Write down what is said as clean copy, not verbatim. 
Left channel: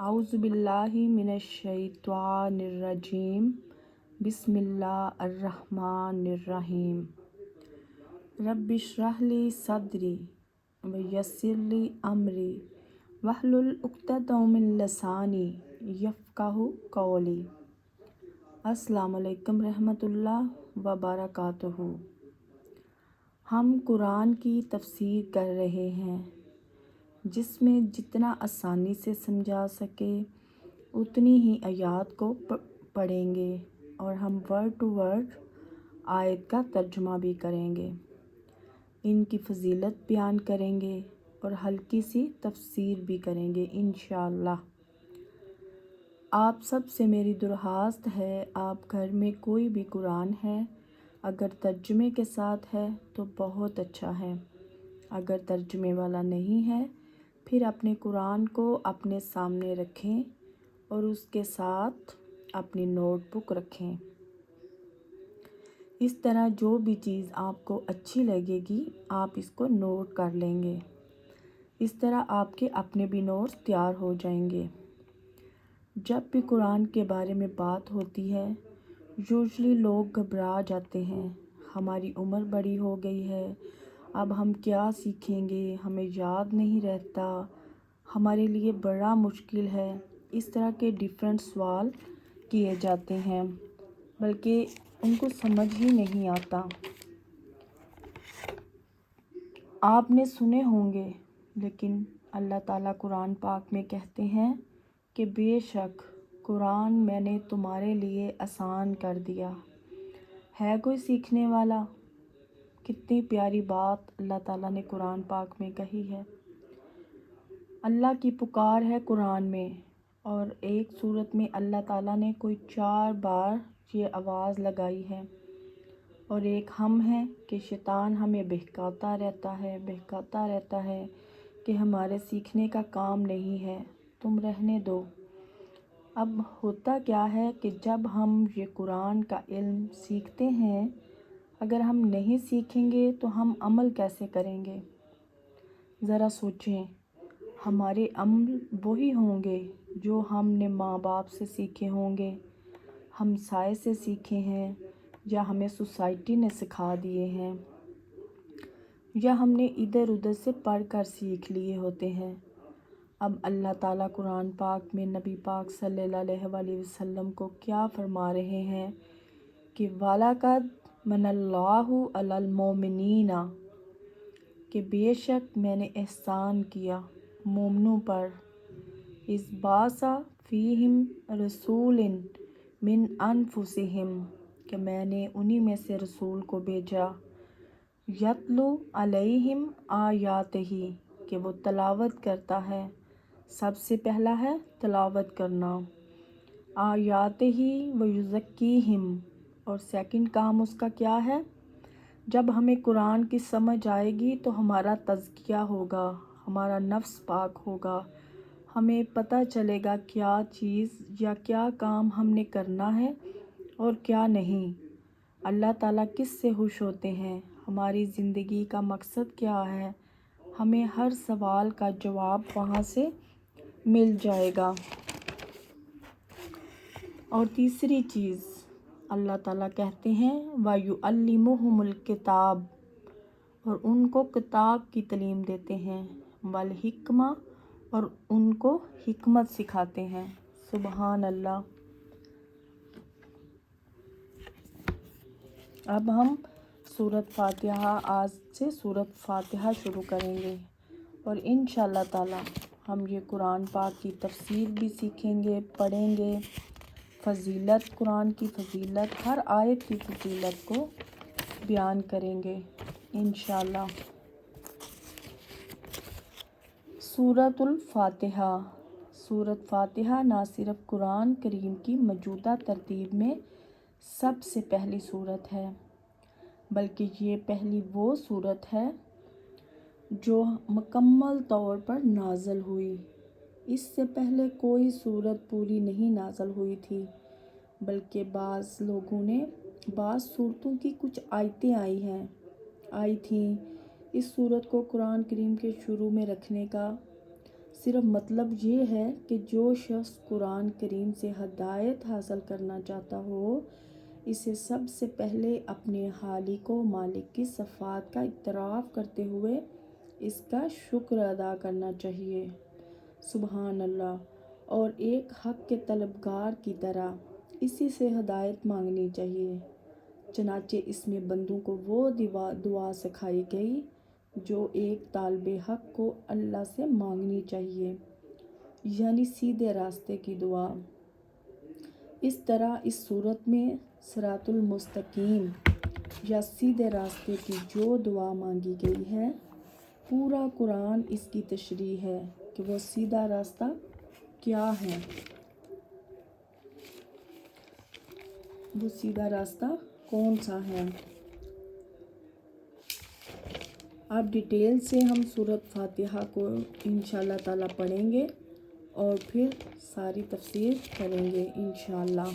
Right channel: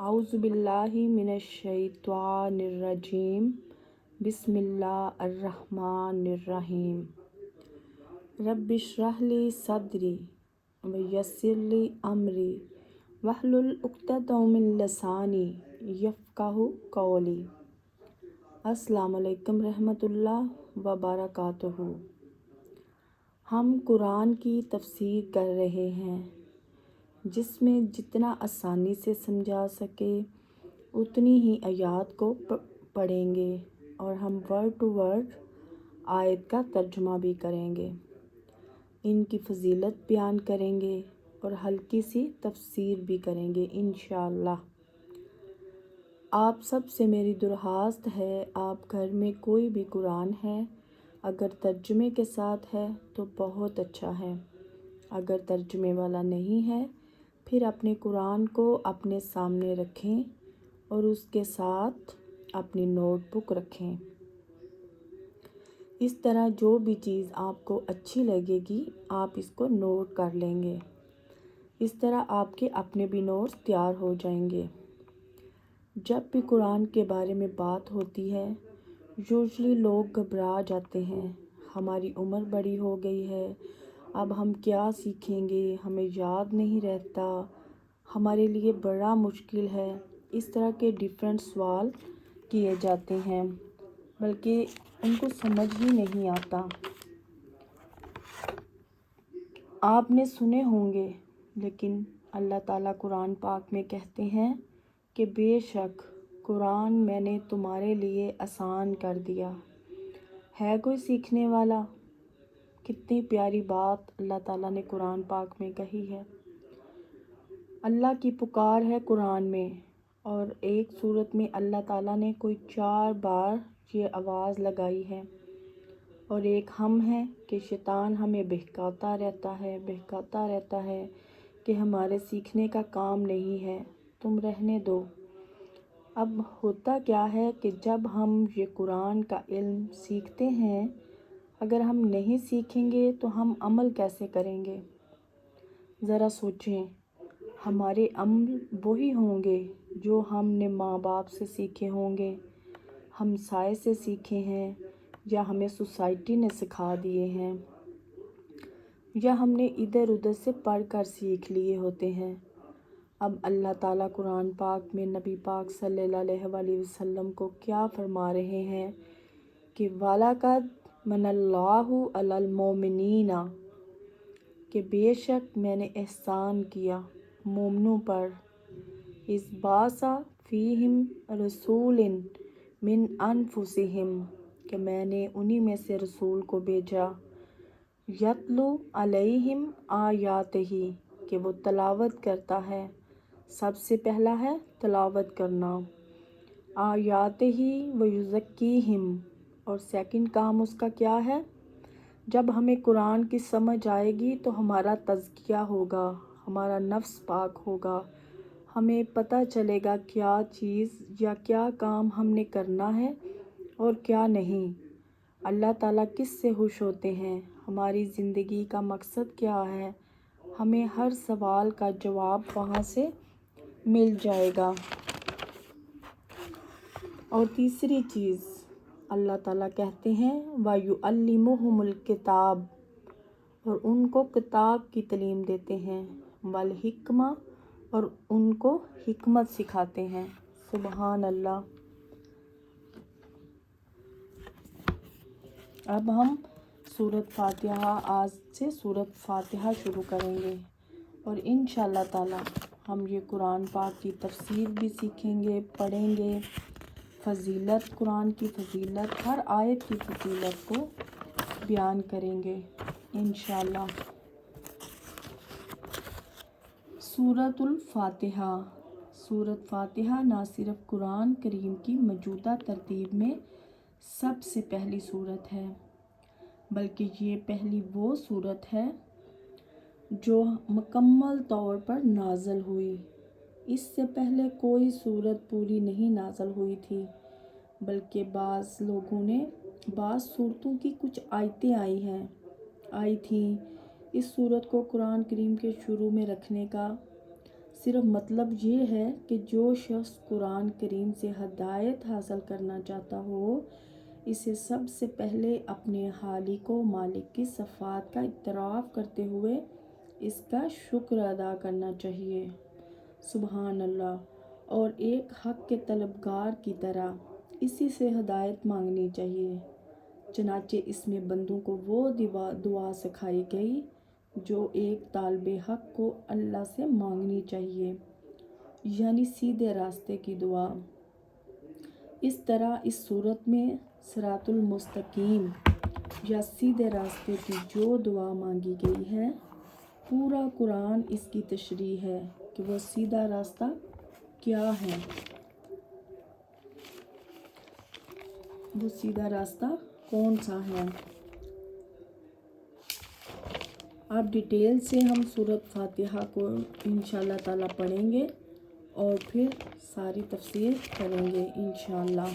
अऊज़ु बिल्लाहि मिनश्शैतानिर्रजीम बिस्मिल्लाहिर्रहमानिर्रहीम रब्बिश्रह ली सदरी वयस्सिर ली अमरी वहलुल उक़्दतम मिन लिसानी यफ़क़हू क़ौली। अस्सलामु अलैकुम रहमतुल्लाह व बरकातुहू। हम कुरान की तफसीर कर रहे हैं, जिसमें जितना आसानी से समझा सके उतनी ही आयत को पढ़ेंगे और हम वर्ड टू वर्ड आयत का तर्जुमा भी करेंगे, इनकी फजीलत बयान करेंगे और हल्की सी तफसीर भी करेंगे इंशाअल्लाह। आप सब से मेरी दरख्वास्त है, आप घर में कोई भी कुरान है अगर तर्जुमे के साथ है तो बहुत अच्छा है, अगर तर्जुमे वाला नहीं है फिर अपने कुरान को अपने सामने रखें और उसके साथ अपनी नोटबुक रखें। इस तरह जो भी चीज़ आपको अच्छी लगेगी आप इसको नोट कर लेंगे। इस तरह आपके अपने भी नोट्स तैयार हो जाएंगे। जब भी कुरान के बारे में बात होती है यूजुअली लोग घबरा जाते हैं, हमारी उम्र बड़ी हो गई है, अब हम क्या सीखेंगे, हमें याद नहीं रहता, हमारे लिए बड़ा मुश्किल है। इस तरह के डिफरेंट सवाल किए जाते हैं, बल्कि उनको समझ ही नहीं आता। आपने सुने होंगे, लेकिन अल्लाह ताला कुरान पाक में कहते हैं कि बेशक कुरान मैंने तुम्हारे लिए आसान कर दिया। है कोई सीखने वाला? कितनी प्यारी बात अल्लाह ताला ने कुरान पाक में कही है। अल्लाह की पुकार है कुरान में, और एक सूरत में अल्लाह ताला ने कोई 4 बार ये आवाज़ लगाई है, और एक हम है कि शैतान हमें बहकाता रहता है कि हमारे सीखने का काम नहीं है, तुम रहने दो। अब होता क्या है कि जब हम ये कुरान का इल्म सीखते हैं, अगर हम नहीं सीखेंगे तो हम अमल कैसे करेंगे? ज़रा सोचें, हमारे अमल वही होंगे जो हमने माँ बाप से सीखे होंगे, हमसाए से सीखे हैं, या हमें सोसाइटी ने सिखा दिए हैं, या हमने इधर उधर से पढ़ कर सीख लिए होते हैं। अब अल्लाह ताला कुरान पाक में नबी पाक सल्लल्लाहु अलैहि वसल्लम को क्या फरमा रहे हैं कि वालक़द मनल्लाहु अलल मोमिनीना, कि बेशक मैंने एहसान किया मोमिनों पर, इस बासा फ़ीहिम रसूलिन मिन अनफुसिहिम, कि मैंने उन्हीं में से रसूल को भेजा, यतलू अलैहिम आयातिही, कि वो तलावत करता है। सबसे पहला है तलावत करना, आयातिही व युज़क्कीहिम, और सेकंड काम उसका क्या है? जब हमें कुरान की समझ आएगी तो हमारा तज़किया होगा, हमारा नफ्स पाक होगा, हमें पता चलेगा क्या चीज़ या क्या काम हमने करना है और क्या नहीं। अल्लाह ताला किस से खुश होते हैं, हमारी ज़िंदगी का मकसद क्या है, हमें हर सवाल का जवाब वहाँ से मिल जाएगा। और तीसरी चीज़ अल्लाह ताला कहते हैं वयुअल्लिमुहुमुल किताब, और उनको किताब की तालीम देते हैं, वल हिक्मा, और उनको हिकमत सिखाते हैं। सुभान अल्लाह। अब हम सूरत फातिहा, आज से सूरत फातिहा शुरू करेंगे, और इंशाअल्लाह ताला हम ये कुरान पाक की तफसीर भी सीखेंगे, पढ़ेंगे, फजीलत, कुरान की फजीलत, हर आयत की फजीलत को बयान करेंगे इंशाअल्लाह। सूरतुल फातिहा। सूरत फातिहा ना सिर्फ कुरान करीम की मौजूदा तरतीब में सबसे पहली सूरत है, बल्कि ये पहली वो सूरत है जो मुकम्मल तौर पर नाज़िल हुई। इससे पहले कोई सूरत पूरी नहीं नाज़िल हुई थी, बल्कि बाज़ लोगों ने बाज़ सूरतों की कुछ आयतें आई थीं। इस सूरत को कुरान करीम के शुरू में रखने का صرف مطلب یہ ہے کہ جو شخص قرآن کریم سے ہدایت حاصل کرنا چاہتا ہو اسے سب سے پہلے اپنے خالق و مالک کی صفات کا اعتراف کرتے ہوئے اس کا شکر ادا کرنا چاہیے۔ سبحان اللہ۔ اور ایک حق کے طلبگار کی طرح اسی سے ہدایت مانگنی چاہیے۔ چنانچہ اس میں بندوں کو وہ دعا سکھائی گئی جو ایک طالب حق کو اللہ سے مانگنی چاہیے، یعنی سیدھے راستے کی دعا۔ اس طرح اس صورت میں صراط المستقیم یا سیدھے راستے کی جو دعا مانگی گئی ہے، پورا قرآن اس کی تشریح ہے کہ وہ سیدھا راستہ کیا ہے، وہ سیدھا راستہ کون سا ہے۔ اب ڈیٹیل سے ہم سورۃ فاتحہ کو انشاءاللہ تعالیٰ پڑھیں گے اور پھر ساری تفسیر کریں گے انشاءاللہ۔